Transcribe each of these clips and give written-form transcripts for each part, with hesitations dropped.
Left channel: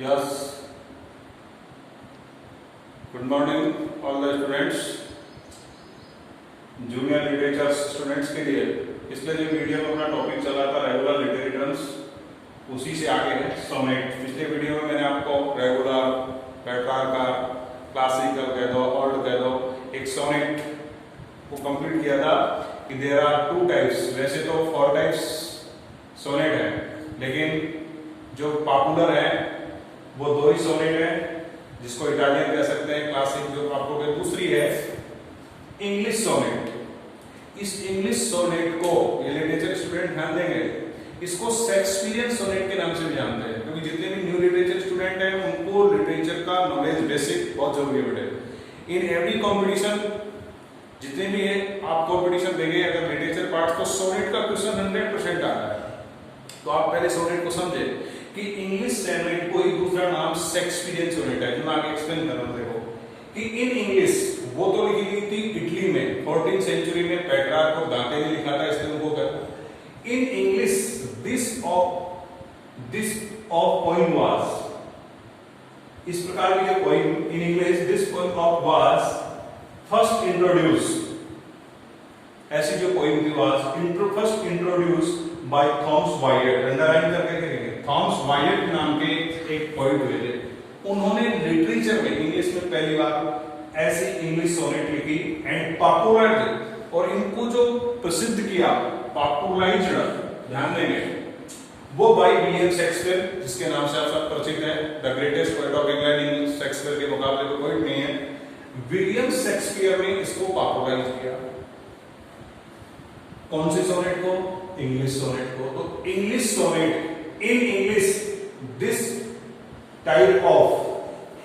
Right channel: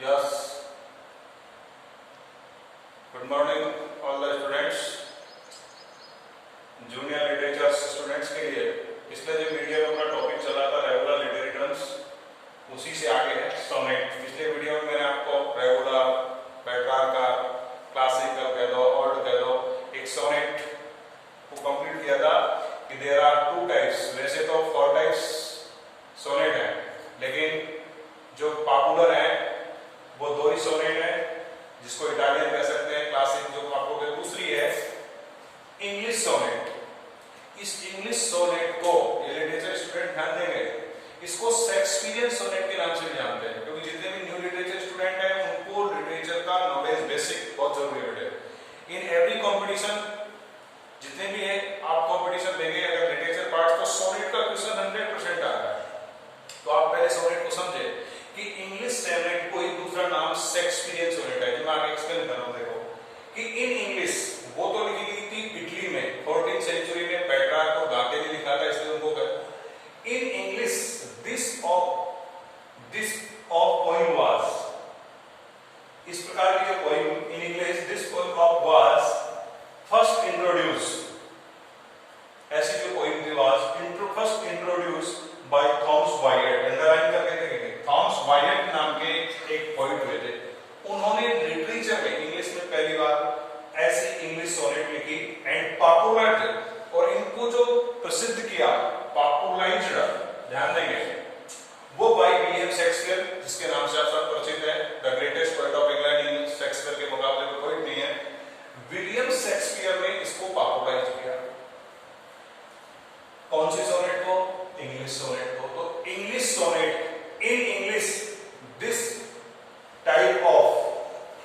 Yes. Good morning all the students. Junior literature students के लिए पिछले जो वीडियो में अपना टॉपिक चला था रेगुलर लिटरेरी टर्म्स, उसी से आगे है सोनेट। पिछले वीडियो में मैंने आपको रेगुलर, पेट्रार्का, क्लासिकल कह दो, ऑल्ड कह दो, एक सोनेट को कंप्लीट किया था कि देयर आर टू टाइप्स। वैसे तो 4 टाइप्स सोनेट है, लेकिन जो पॉपुलर है वो 2 ही सोनेट है, जिसको इटालियन कह सकते हैं क्लासिक, जो आपको दूसरी है इंग्लिश सोनेट। इस इंग्लिश सोनेट को ये लिटरेचर स्टूडेंट ध्यान देंगे, इसको शेक्सपियरियन सोनेट के नाम से भी जानते हैं, क्योंकि जितने भी न्यू लिटरेचर स्टूडेंट हैं उनको लिटरेचर का नॉलेज बेसिक बहुत जरूरी है। इन एवरी कॉम्पिटिशन, जितने भी है आप कॉम्पिटिशन देंगे, अगर लिटरेचर पार्ट को सोनेट का क्वेश्चन 100% आता है तो आप पहले सोनेट को समझे कि इंग्लिश सोनेट को एक दूसरा नाम शेक्सपियरियन सोनेट है। मैं आगे एक्सप्लेन कर रहा हूं। देखो कि इन इंग्लिश वो तो लिखी गई थी इटली में 14th सेंचुरी में, पेट्रार्क और दांते ने लिखा था, इसलिए उनको कहते in English this of poem was, इस प्रकार की जो poem in English this poem of was first introduce, ऐसी जो पोएम थी was first introduce by Thomas Wyatt. Underline करके देखेंगे, थॉमस वायट नाम के एक पोएट हुए थे, उन्होंने लिटरेचर में इंग्लिश में पहली बार ऐसी इंग्लिश सोनेट लिखी एंड पॉपुलराइज्ड, और इनको जो प्रसिद्ध किया, पॉपुलराइज्ड, ध्यान देंगे, वो बाय विलियम शेक्सपियर, जिसके नाम से आप सब परिचित हैं, the greatest poet of England. Shakespeare के मुकाबले में कोई नहीं है। विलियम शेक्सपियर ने इसको पॉपुलराइज किया। कौन सी सोनेट को? इंग्लिश सोनेट को। तो English sonnet in English this type of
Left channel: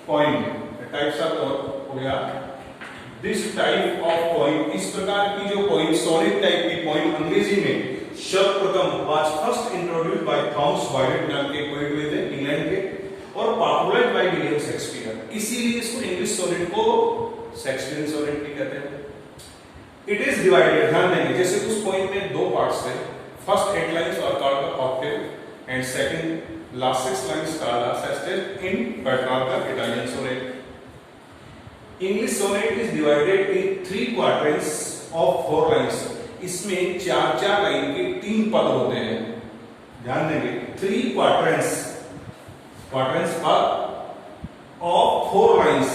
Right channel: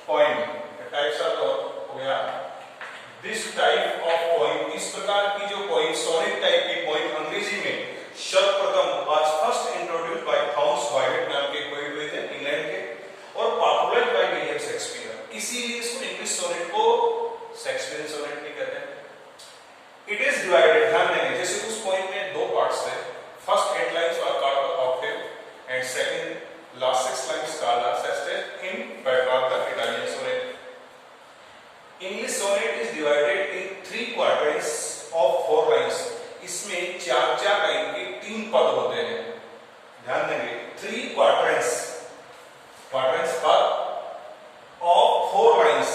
poem, type शब्द हो गया, दिस टाइप ऑफ पोएम, इस प्रकार की जो पोएम सोनेट टाइप की पोएम अंग्रेजी में सर्वप्रथम was first introduced by Thomas Wyatt नाम के पोएट हुए थे इंग्लैंड के, और पॉपुलराइज्ड बाय विलियम शेक्सपियर। इसीलिए इसको इंग्लिश सोनेट को शेक्सपियरियन सोनेट भी कहते हैं। इट इज डिवाइडेड, ध्यान देंगे, जैसे उस पोएम में 2 पार्ट्स थे। First 8 lines are called the octave and second last 6 lines called the sestet in Petrarch Italian sonnet. English sonnet is divided in 3 quarters of 4 lines. इसमें 4-4 लाइन के 3 पद होते हैं। ध्यान देंगे, 3 क्वार्टर्स ऑफ 4 लाइन्स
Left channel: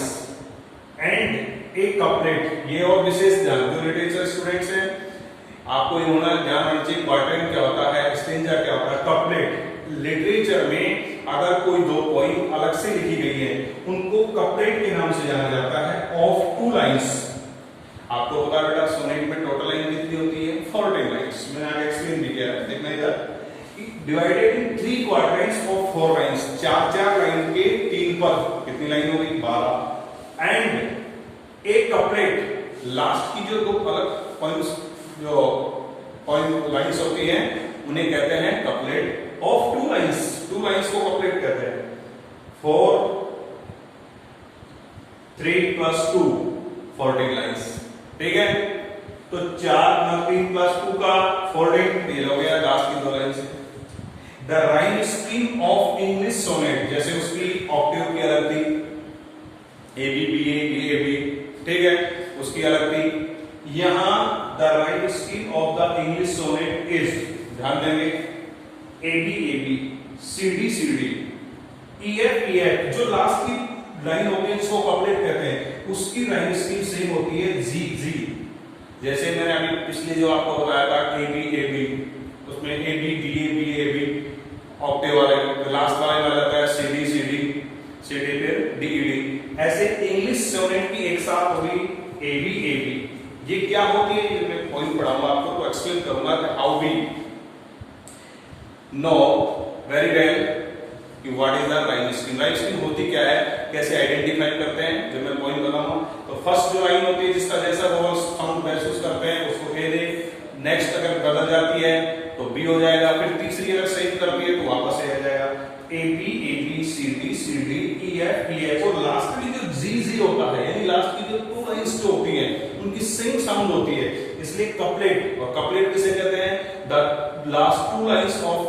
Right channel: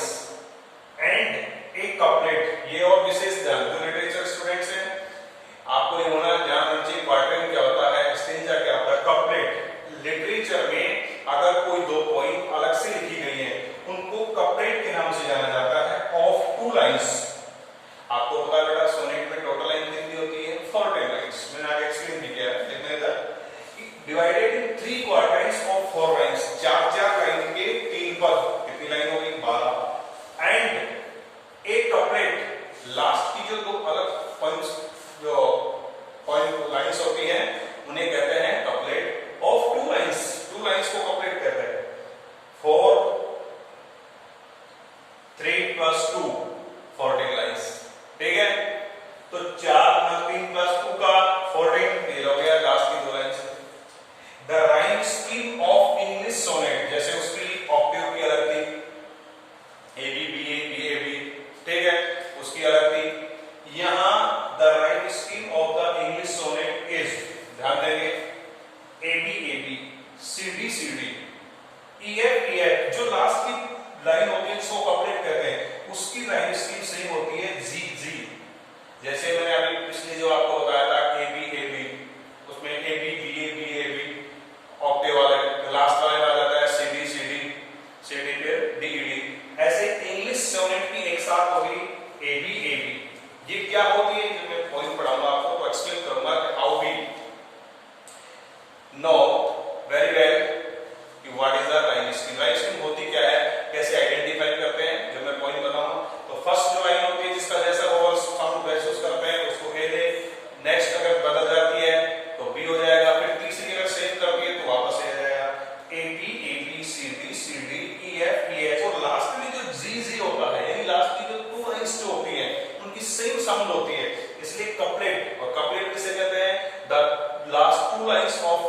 एंड एक couplet. ये और विशेष ध्यान, जो लिटरेचर स्टूडेंट्स हैं आपको ये होना ध्यान रखना चाहिए, क्वार्टर क्या होता है, स्टेंजा क्या होता है, कपलेट। लिटरेचर में अगर कोई 2 पोएम अलग से लिखी गई है उनको कपलेट के नाम से जाना जाता है, ऑफ 2 लाइन्स। आपको पता बेटा सोनेट में टोटल लाइन कितनी होती है? 14 लाइन्स। मैंने आगे एक्सप्लेन भी किया है, देखना इधर। Divided in 3 quarters of 4 lines, 4-4 line के 3 पद, कितनी लाइन होगी? 12। एंड एक कपलेट, लास्ट की जो 2 अलग पॉइंट्स, जो पॉइंट लाइन्स होती हैं उन्हें कहते हैं कपलेट ऑफ 2 लाइन्स। 2 लाइन्स को कपलेट कहते हैं। 4 3 + 2 14 लाइन्स, ठीक है। तो 4 + 3 + 2 का 14, ये हो गया लास्ट की 2 lines. The rhyme scheme of English sonnet, जैसे उसकी ऑक्टेव की अलग थी, A B B A B A B, ठीक है, उसकी अलग थी। यहां the rhyme scheme of the English sonnet is, ध्यान देंगे, A B C D E F, जो लास्ट की लाइन होती है इसको कपलेट कहते हैं, उसकी राइम स्कीम सेम होती है जी। जैसे मैंने अभी पिछले जो आपको बताया था ए बी, उसमें A B B A octave वाले, लास्ट वाले आ जाता है सी डी फिर डी ई डी। ऐसे इंग्लिश सोनेट की एक साथ होगी ए बी। ये क्या होती है, ये मैं पॉइंट पढ़ाऊंगा आपको, तो एक्सप्लेन करूंगा कि how we know very well कि what is the rhyme scheme. Rhyme scheme होती क्या है, कैसे आइडेंटिफाई करते हैं, जब मैं पॉइंट बनाऊंगा। तो फर्स्ट जो लाइन होती है जिसका जैसा वो साउंड महसूस करते हैं उसको ए दे, नेक्स्ट अगर बदल जाती है तो बी हो जाएगा, फिर तीसरी अगर सेम करती है तो वापस ए हो जाएगा, A B C D E F. और लास्ट में जो जी होता है, यानी लास्ट की जो 2 लाइन्स जो होती हैं उनकी सेम साउंड होती है, इसलिए कपलेट। और कपलेट किसे कहते हैं? The last 2 lines of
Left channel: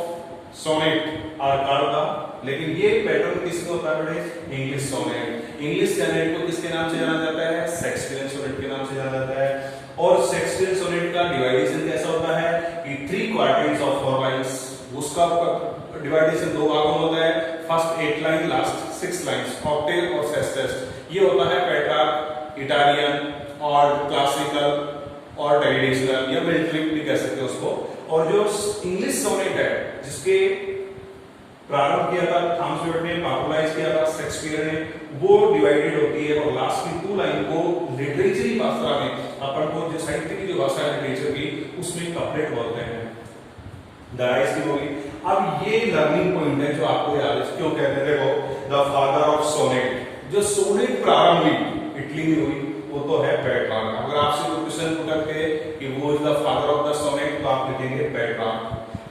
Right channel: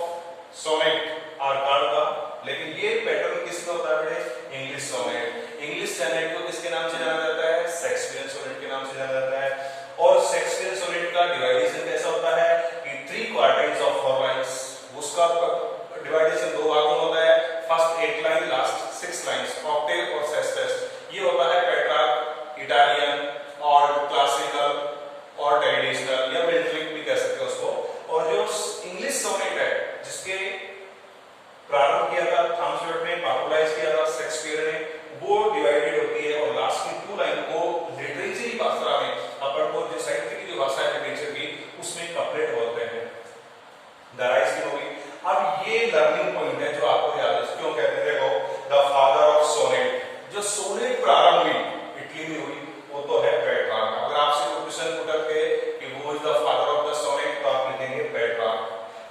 sonnet आर्काड का। लेकिन ये पैटर्न किसका होता है बेटे? English sonnet. इंग्लिश सोनेट को किसके नाम से जाना जाता है? शेक्सपियरियन सोनेट के नाम से जाना जाता है। और शेक्सपियरियन सोनेट का डिवाइडेशन कैसा होता है कि 3 क्वार्टिल्स ऑफ 4 लाइंस। उसका डिवाइडेशन 2 भागों में होता है, first 8 line, last 6 lines, Octave और सेस्टेस्ट। ये होता है पेट्रार्क, इटालियन और क्लासिकल और ट्रेडिशनल या मिलिट्री भी कह सकते हो उसको। और जो इंग्लिश सोनेट है जिसके प्रारंभ किया था थॉमस एडिसन ने, पॉपुलराइज किया था शेक्सपियर ने, वो डिवाइडेड होती है और लास्ट की 2 लाइन को लिटरेचरी भाषा में अपन को जो साहित्य की जो भाषा है लिटरेचर की उसमें कपलेट बोलते हैं। दराइज की होगी। अब ये लर्निंग पॉइंट है जो आपको याद है, क्यों कहते हैं? देखो द फादर ऑफ सोनेट, जो सोनेट प्रारंभ हुई इटली में हुई वो तो है पेट्रार्क। अगर आपसे कोई क्वेश्चन पूछा के कि वो is the father of the sonnet तो आप लिखेंगे Petrarch.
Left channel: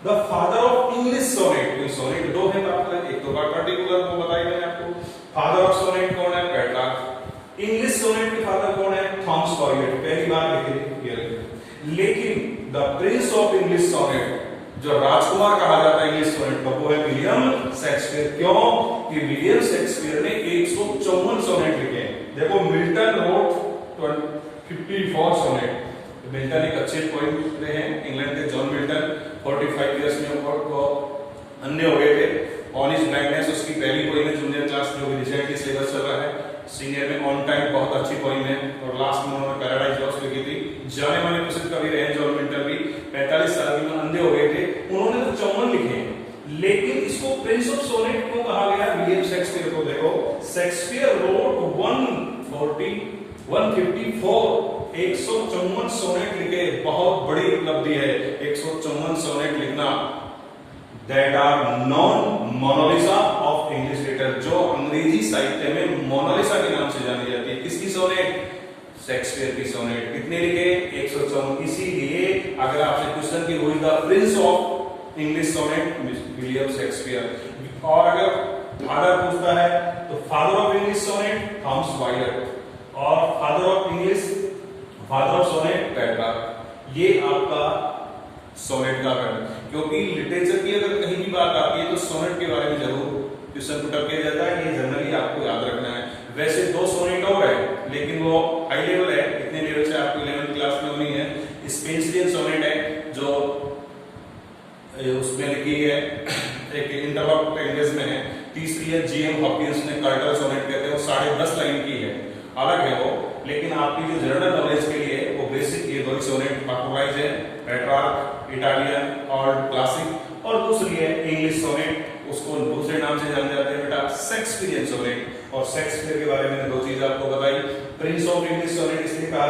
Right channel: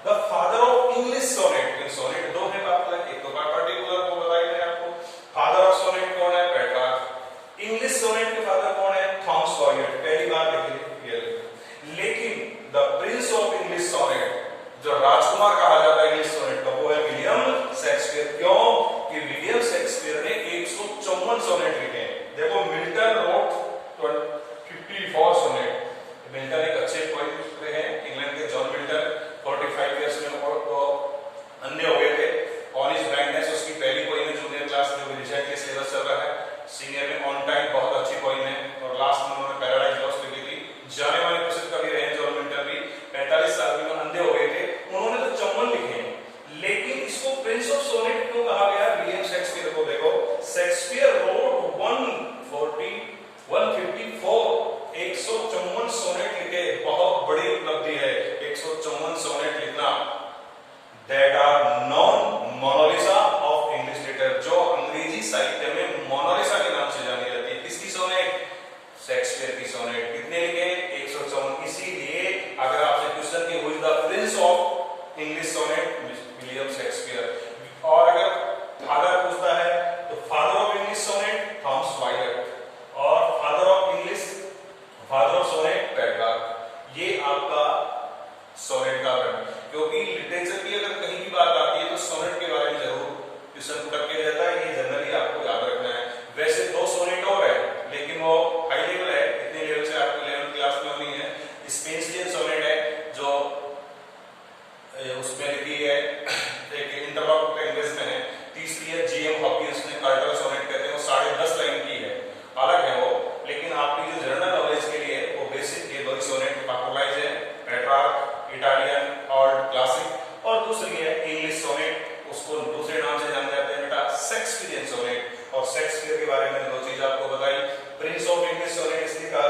The father of English sonnet, तो सोनेट 2 है बात है, एक तो पर्टिकुलर को बताया मैंने आपको। फादर ऑफ सोनेट कौन है? पेट्रार्क। इंग्लिश सोनेट के फादर कौन है? थॉमस कॉरियर, पहली बार लिखे। लेकिन the prince of English sonnet, जो राजकुमार कहा जाता है इंग्लिश सोनेट का, वो है विलियम शेक्सपियर। क्यों? कि विलियम शेक्सपियर ने 154 सोनेट लिखे हैं। देखो मिल्टन रोट 54 सोनेट। मिल्टन एक अच्छे पोएट लिखते हैं, इंग्लैंड के जॉन मिल्टन 45 इयर्स में अन्य हो गए थे। ऑनिस्ट ब्राइटनेस उसकी पहली पोएम है जूनियर क्लास में, रिसेंटली सिलेबस चल रहा है। सीनियर में ऑन टाइम बहुत अच्छी पोएम है और लास्ट में उन्होंने पैराडाइज लॉस्ट लिखी थी। जाने माने प्रसिद्ध कवि रहे जॉन मिल्टन भी, 45 साल में अंधे हो गए थे। उन्होंने तो 54 लिखे हैं, लेकिन इसको प्रिंस ऑफ सोनेट क्यों कहा गया विलियम शेक्सपियर को? देखो शेक्सपियर रोट 154 सोनेट लिखे, बहुत बड़ी उपलब्धि है 154 सोनेट लिखना। That are known Mona Lisa of English literature, जो अंग्रेजी साहित्य में मोनालिसा के नाम से जानी जाती है। किसकी सोनेट? शेक्सपियर की सोनेट। कितने लिखे? 154। इसीलिए अगर आपसे क्वेश्चन की हुई the prince of English sonnet William Shakespeare, और अगर फादर पूछता है तो father of English sonnet Thomas Wyatt, और फादर ऑफ सोनेट पेट्रार्क। ये आपका सोनेट का है, क्योंकि लिटरेचर की अगर कहीं भी बात आती है तो सोनेट के बारे में जरूर क्वेश्चन पुट किया जाता है। ये जनरली आपको याद रखना है। वैसे 2 सोनेट और है, लेकिन वो हाई लेवल है, इतने लेवल से आपको 11th क्लास में होनी है। स्पेंसियन सोनेट है जो उसमें लिखी है, एक इंटरलॉक लैंग्वेज में है। तीसरी है जीएम हॉकिंस ने कार्टल सोनेट कहते हैं, वो 10.5 लाइन की है, अलग है वो। लेकिन आपकी जो जनरल नॉलेज के लिए वो बेसिक ये 2 सोनेट पॉपुलराइज है, पेट्रार्क, इटालियन और क्लासिक। और दूसरी है इंग्लिश सोनेट, उसको दूसरे नाम से जाने जाते हैं बेटा शेक्सपियरियन सोनेट। और शेक्सपियर के बारे में 2 चीज आपको बताई। प्रिंस ऑफ इंग्लिश सोनेट इसलिए कहा